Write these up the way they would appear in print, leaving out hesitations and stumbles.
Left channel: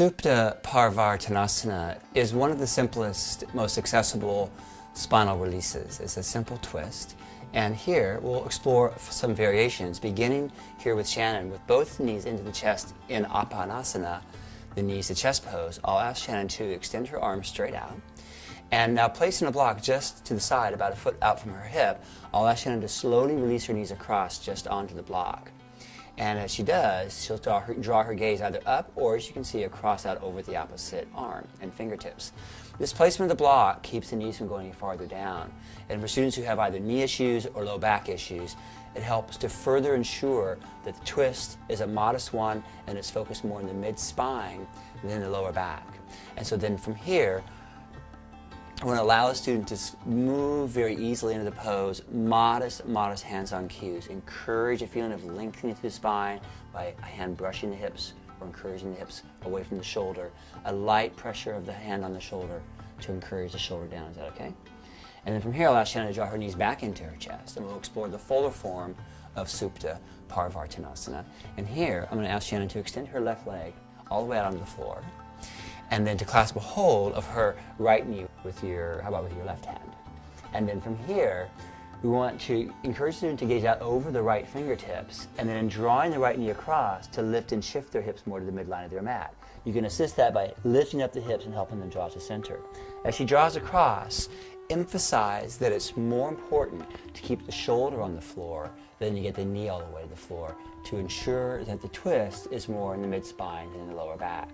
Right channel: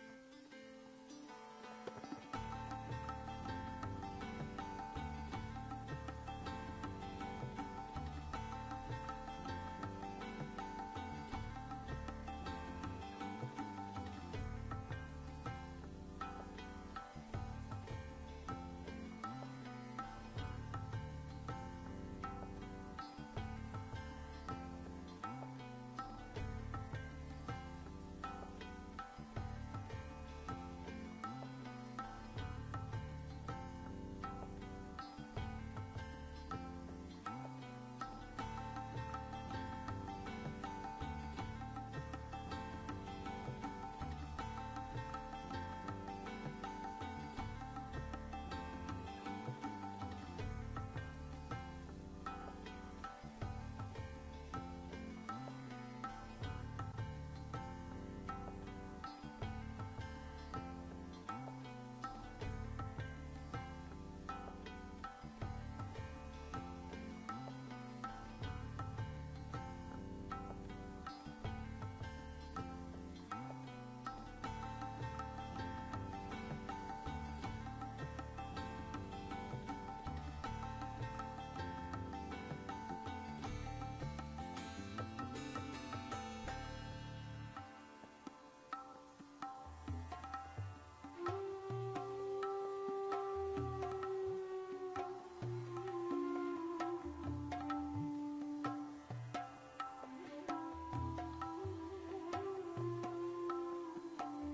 Supta Parivartanasana is one of the simplest, most accessible spinal releases. It's a simple twist. And here we'll explore some variations, beginning here with Shannon with both knees into the chest in Apanasana, the knees to chest pose. I'll ask Shannon to extend her arms straight out. And now placing a block just to the side, about a foot out from her hip, I'll ask Shannon to slowly release her knees across just onto the block. And as she does, she'll draw her gaze either up or, as you can see, across out over the opposite arm and fingertips. This placement of the block keeps the knees from going any farther down. And for students who have either knee issues or low back issues, it helps to further ensure that the twist is a modest one and it's focused more in the mid-spine than the lower back. And so then from here, I want to allow the student to move very easily into the pose, modest hands-on cues. Encourage a feeling of lengthening through the spine by a hand brushing the hips or encouraging the hips away from the shoulder. A light pressure of the hand on the shoulder to encourage the shoulder down. Is that okay? And then from here, I'll ask Shannon to draw her knees back into her chest, and we'll explore the fuller form of Supta Parivartanasana. And here, I'm going to ask Shannon to extend her left leg all the way out onto the floor, and then to clasp a hold of her right knee with your left hand. And then from here, we want to encourage the student to gaze out over the right fingertips, and then in drawing the right knee across, to lift and shift their hips more to the midline of their mat. You can assist that by lifting up the hips and helping them draw to center. As she draws across, emphasize that it's more important to keep the shoulder on the floor than to get the knee all the way to the floor, to ensure that the twist is more in the mid-spine than in the lower back.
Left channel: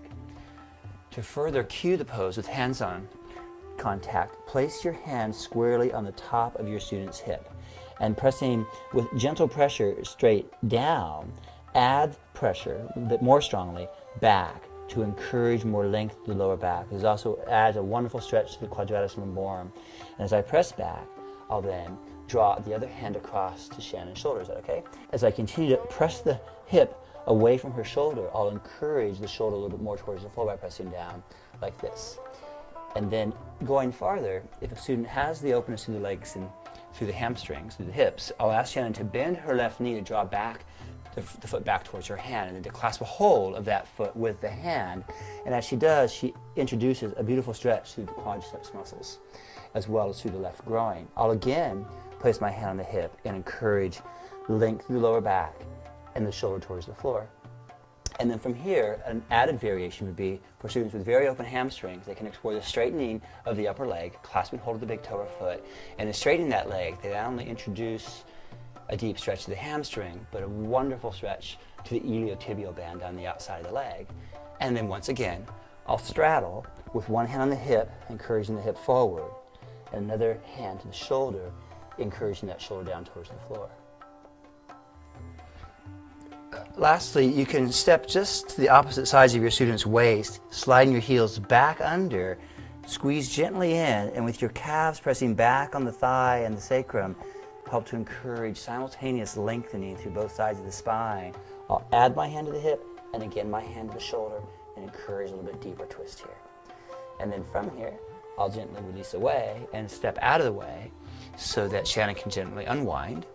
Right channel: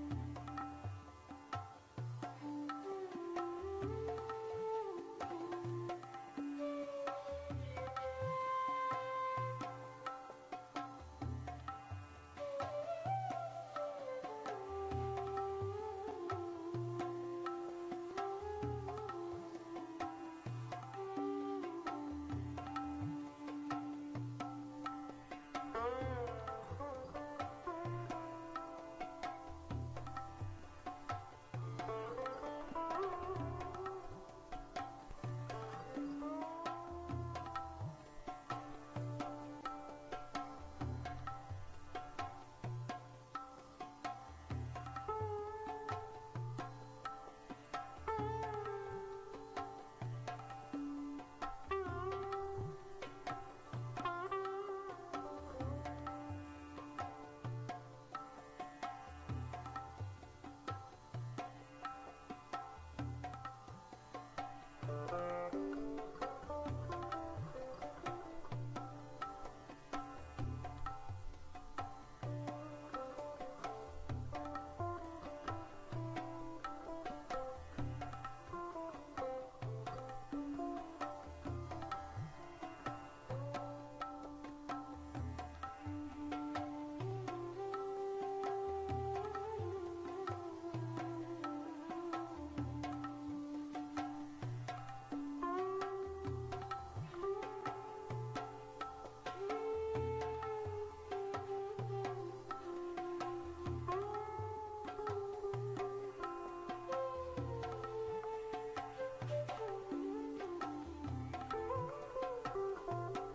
To further cue the pose with hands-on contact, place your hand squarely on the top of your student's hip and pressing with gentle pressure straight down, add pressure more strongly back to encourage more length to the lower back. This also adds a wonderful stretch to the quadratus lumborum. And as I press back, I'll then draw the other hand across to Shannon's shoulder. Is that okay? As I continue to press the hip away from her shoulder, I'll encourage the shoulder a little bit more towards the floor by pressing down like this. And then going farther, if a student has the openness through the legs and through the hamstrings, through the hips, I'll ask Shannon to bend her left knee to draw back the foot back towards her hand, and then to clasp a hold of that foot with the hand. And as she does, she introduces a beautiful stretch through the quadriceps muscles, as well as through the left groin. I'll again place my hand on the hip and encourage length through the lower back and the shoulder towards the floor. And then from here, an added variation would be for students with very open hamstrings. They can explore the straightening of the upper leg, clasping hold of the big toe or foot, and in straightening that leg, they not only introduce a deep stretch to the hamstring, but a wonderful stretch to the iliotibial band on the outside of the leg. And then once again, I'll straddle with one hand on the hip, encouraging the hip forward, and another hand to the shoulder, encouraging that shoulder down towards the floor. Lastly, you can step just to the opposite sides of your student's waist, sliding your heels back under, squeeze gently in, and with your calves pressing back on the thigh and the sacrum, help to encourage simultaneous lengthening through both sides of the spine. I'll add my hand to the hip, and again my hand to the shoulder, and encourage a little bit deeper twist here. And then from here, I'll gently release away and step out of the way so that Shannon can gently unwind,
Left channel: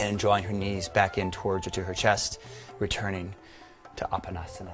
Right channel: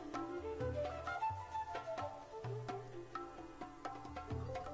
and drawing her knees back in towards her to her chest, returning to Apanasana.